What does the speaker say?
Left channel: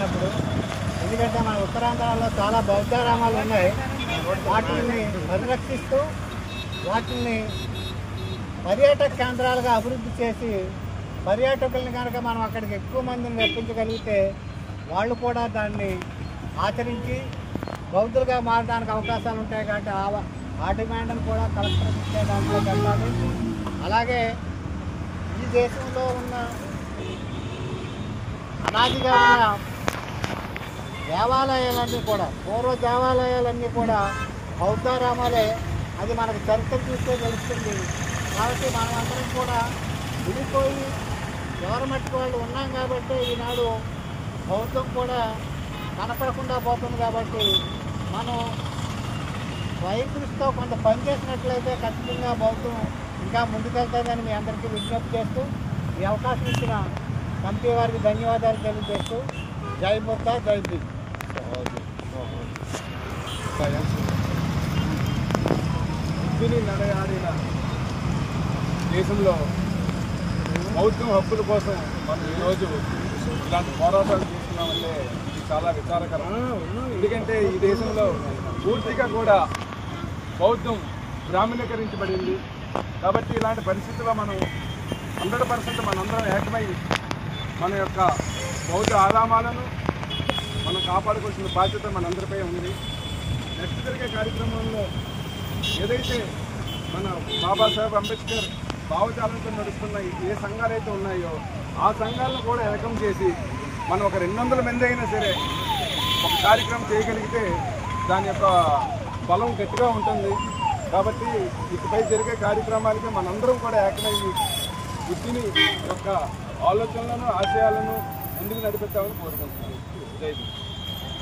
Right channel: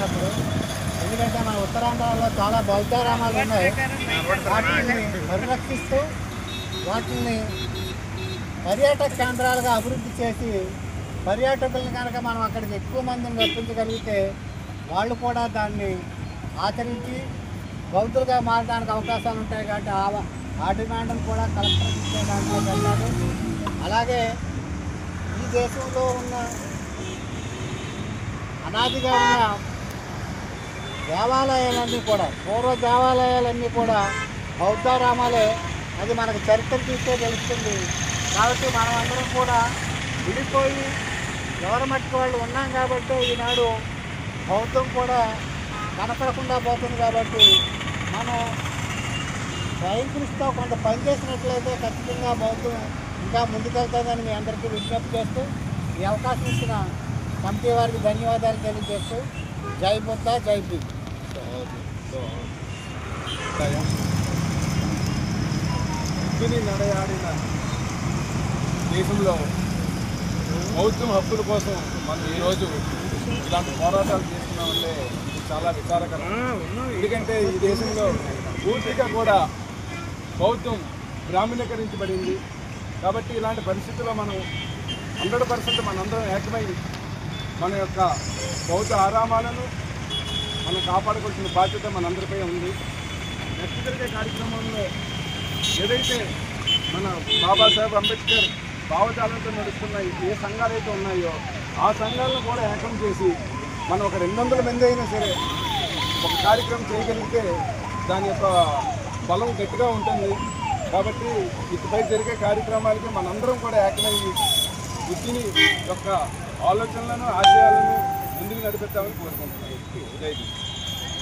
అయినప్పుడు. ఎందుకంటే మన ఉత్తరాంధ్రలో చాలా బౌద్ధారామాలు ఉన్నాయి. వాటిని పరిరక్షిస్తూ వాటిని పర్యాటక కేంద్రాలుగా అభివృద్ధి చేసి పర్యాటకుల్ని కనుక మనం అక్కడికి ఎక్కువ మందిని రప్పించగలిగితే వాళ్ళు కూడా దాన్ని ఆచరించి బౌద్ధులుగా మారడానికి అవకాశాలు ఉంటాయి. కాబట్టి ఆ డిమాండ్ను కూడా కలెక్టర్కి ఇచ్చే దాంట్లో పెట్టాలి. అలాగే ఈ దేశంలో ఉన్న అనాదిగా ఉన్న దేవాలయాలన్నీ కూడా పూర్వ దేవాలయాలన్నీ కూడా బౌద్ధారామాలే. అది మనకు చరిత్ర చూస్తే తెలుస్తుంది. కాబట్టి మనం అందరం కూడా విడిపోయి ఎవరి మట్టుకు వాళ్ళు ఉన్నాం కాబట్టి ఈనాడు బౌద్ధం కూడా కనపడకుండా పోతుంది. కాబట్టి మనం వైద్యులతో కొంత పనిచేసినట్లయితే ఖచ్చితంగా బౌద్ధం ఇంకా ముందుకెళ్తుందని మీ అందరికీ విజ్ఞప్తి చేస్తూ ఈ అవకాశం ఇచ్చిన కమిటీ వారికి ధన్యవాదాలు తెలియజేస్తూ జై బుద్ధ జై భీమ్. బుద్ధుని నడయాడిన దేశంలో బౌద్ధం హక్కుల కోసం మనం ఈరోజు ఇలాంటి పోరాటాలు చేస్తున్నామంటే ఇది చాలా విచారకరం. ఎందుకంటే ఈ దేశంలో పూర్తిగా కూడా బౌద్ధం బ్రాహ్మణీకరించబడింది. కాబట్టి ఇలాంటి పరిస్థితుల్లో మనం 100% మనందరం ఏకమై మన యొక్క బౌద్ధ ఆరామాలను మనం కాపాడుకోవాల్సిన బాధ్యత మనందరిపై ఉంది. నెక్స్ట్ జరిగే కార్యక్రమంలో ఏదైతే మన బాబాసాహెబ్ అంబేద్కర్ భావజాలంతో నడుస్తున్న ఏ సంఘాలు అయితే ఉన్నాయో ఆ సంఘాలను కూడా ఏకం చేసి మనం ఒక 200 మంది అయినా సరే ఒక కార్యక్రమం చేయగలిగితే దాని యొక్క బలం గట్టిగా ఉంటుంది. కాబట్టి ఇకపై జరిగే కార్యక్రమాలకి మనందరం కూడా ఏకమయ్యి బుద్ధిని యొక్క ఆలోచనలను ఆశయాలను ముందుకు నడిపిద్దామని కోరుకుంటున్నాను. జై హింద్.